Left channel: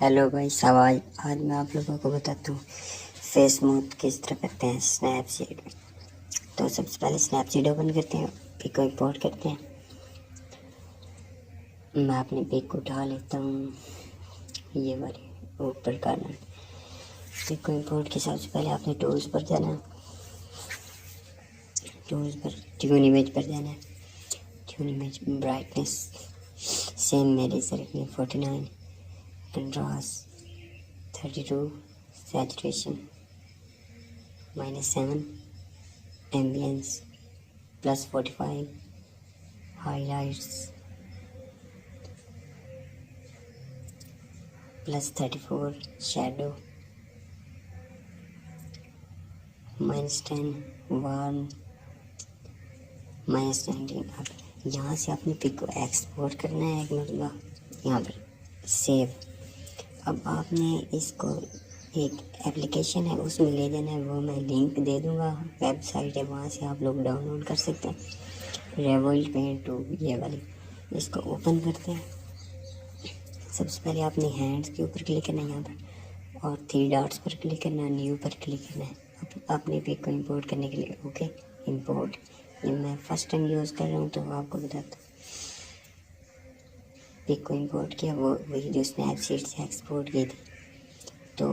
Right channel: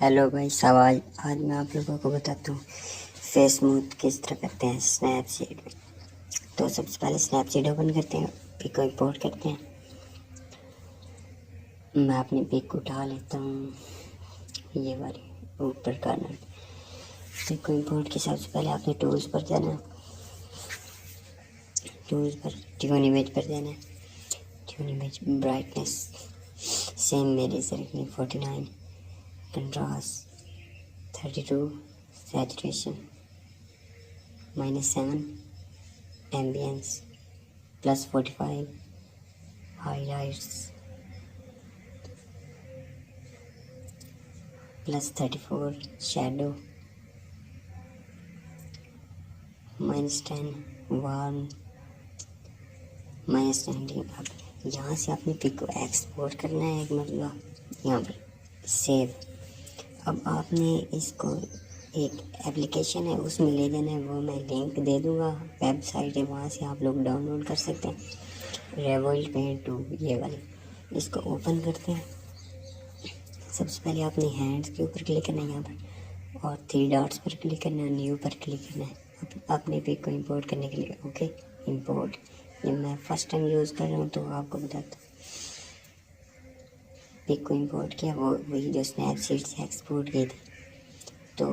Hello भाई सवाल, आज मैं आप लोगों को बताता हूँ फेस स्मूथ किस तरह करते हैं स्नैपसीड में। तो सबसे पहले स्नैपसीड ओपन करते हैं, पिक को इंपोर्ट करते हैं। मैं अपनी पिक उठा लेता हूँ, ये वाली ऊपर करना। पिक को इंपोर्ट के सबसे पहले आपने टूल्स पर जाना है, टूल्स पर ट्यून इमेज पर जाना है। ट्यून इमेज ब्राइटनेस सेम मेरे से रखनी 49, contrast 32, saturation -7, ambience +45, highlights +34, shadow -10, warm -19। अब यहाँ से अपनी पिक को एक्सपोर्ट करना है। एक मतलब यहाँ पर सेव। अब आपने इसको एक एप्लीकेशन है उसमें ले जाना है, वो मैं लिंक दे दूँगा, वेबसाइट है, वहाँ से आप लोग डाउनलोड कर सकते हैं। रेवोल्ट पेंट 2 ये वाली, इसको ओपन करते हैं। सबसे पहले अपनी हैंड्स के ऊपर क्लिक करना है यहाँ पर, और 3 डॉट्स पर क्लिक करना है, न्यू पर क्लिक करना है अपनी पिक को इंपोर्ट करने के लिए। Okay, import. ये मैं फर्स्ट टाइम यूज़ कर रहा हूँ तो आपको बताता हूँ। पिक को इंपोर्ट किया, वो वही जो स्नैपसीड से एक्सपोर्ट की थी। तो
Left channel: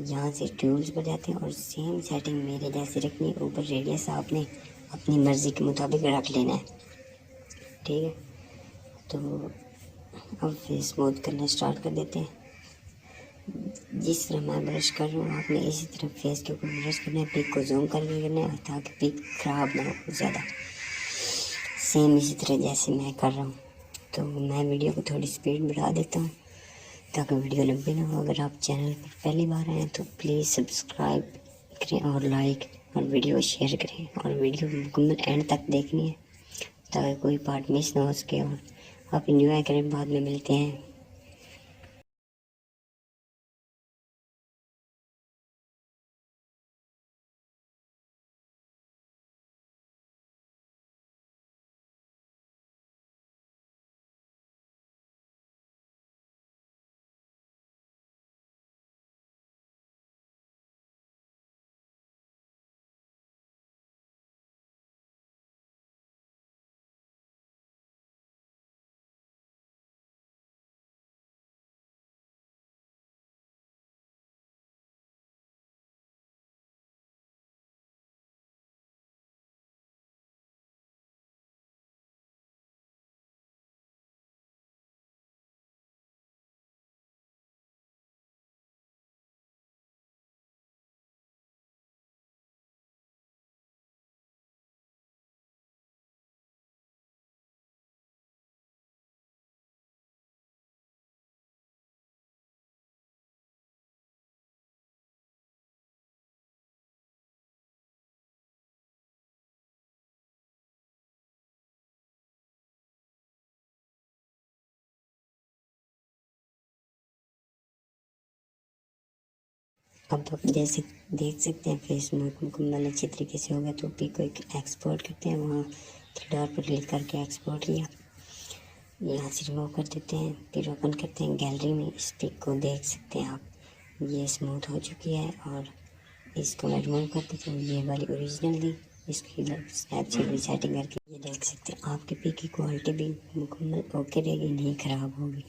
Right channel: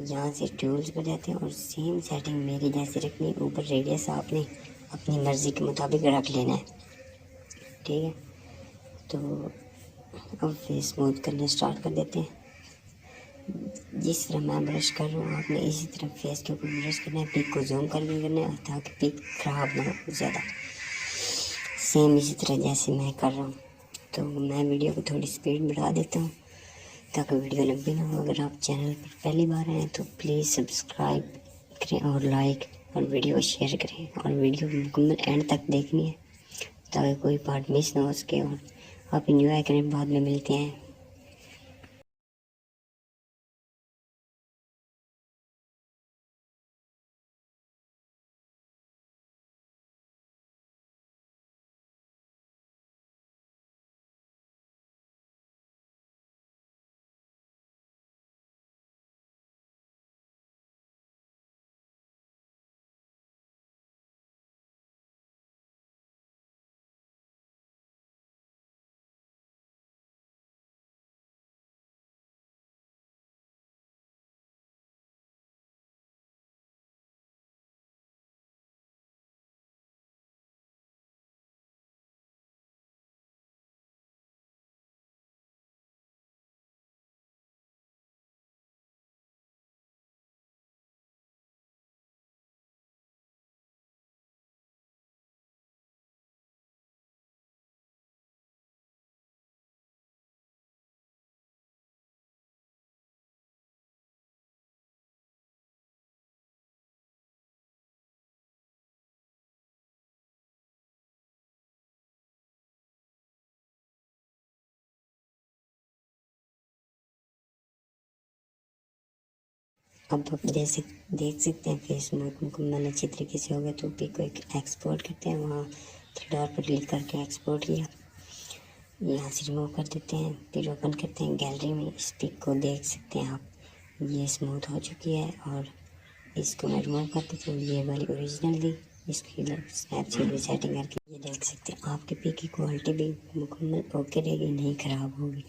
यहाँ से टूल्स पर जाते हैं और सेम सेटिंग मेरे जैसे रखनी है। ऊपर रेडियस आपने अपनी मर्ज़ी के मुताबिक रख लेना है, ठीक है। तो अब फेस स्मूथ करना स्टार्ट कर देते हैं। जिस तरह मैं ब्रश कर रहा हूँ आपने इसी तरह फेस के ऊपर ब्रश करना है। पिक को जूम करके करना है ताकि पिक ख़राब ना हो ज़्यादा। सेम इसी तरह जैसे मैं कर रहा हूँ। तो मैं वीडियो को थोड़ी स्पीड बढ़ा देता हूँ ताकि वीडियो लंबी ना हो। अगर आप चैनल पर पहली बार आए हैं तो प्लीज़ सब्सक्राइब करें और लाइक और वीडियो को शेयर करें, और वीडियो को मुकम्मल एंड तक देखनी है ताकि कोई पार्ट मिस ना हो सके और आप इंजॉय करें। बाद में मिलते हैं। अब आप जैसे देख सकते हैं फेस स्मूथ मुकम्मल अच्छी तरीके से हो गया। तो पिक को एक एक्सपोर्ट करते हैं, वहाँ 3 डॉट पर क्लिक करके एक्सपोर्ट किया, यहाँ से रिमूव कर देते हैं। फिर ओपन करते हैं गैलरी में। इस पिक को देख सकते हैं आप, ये स्मूथ हो चुकी है और इसको मैं रिमूव कर देती हूँ। ये वाली ओरिजिनल थी, इसकी स्नैपसीड भी सेटिंग करके ये देख सकते हैं। आपके पिक की क्वालिटी भी मुकम्मल ओके रहेगी, नहीं ख़राब होगी।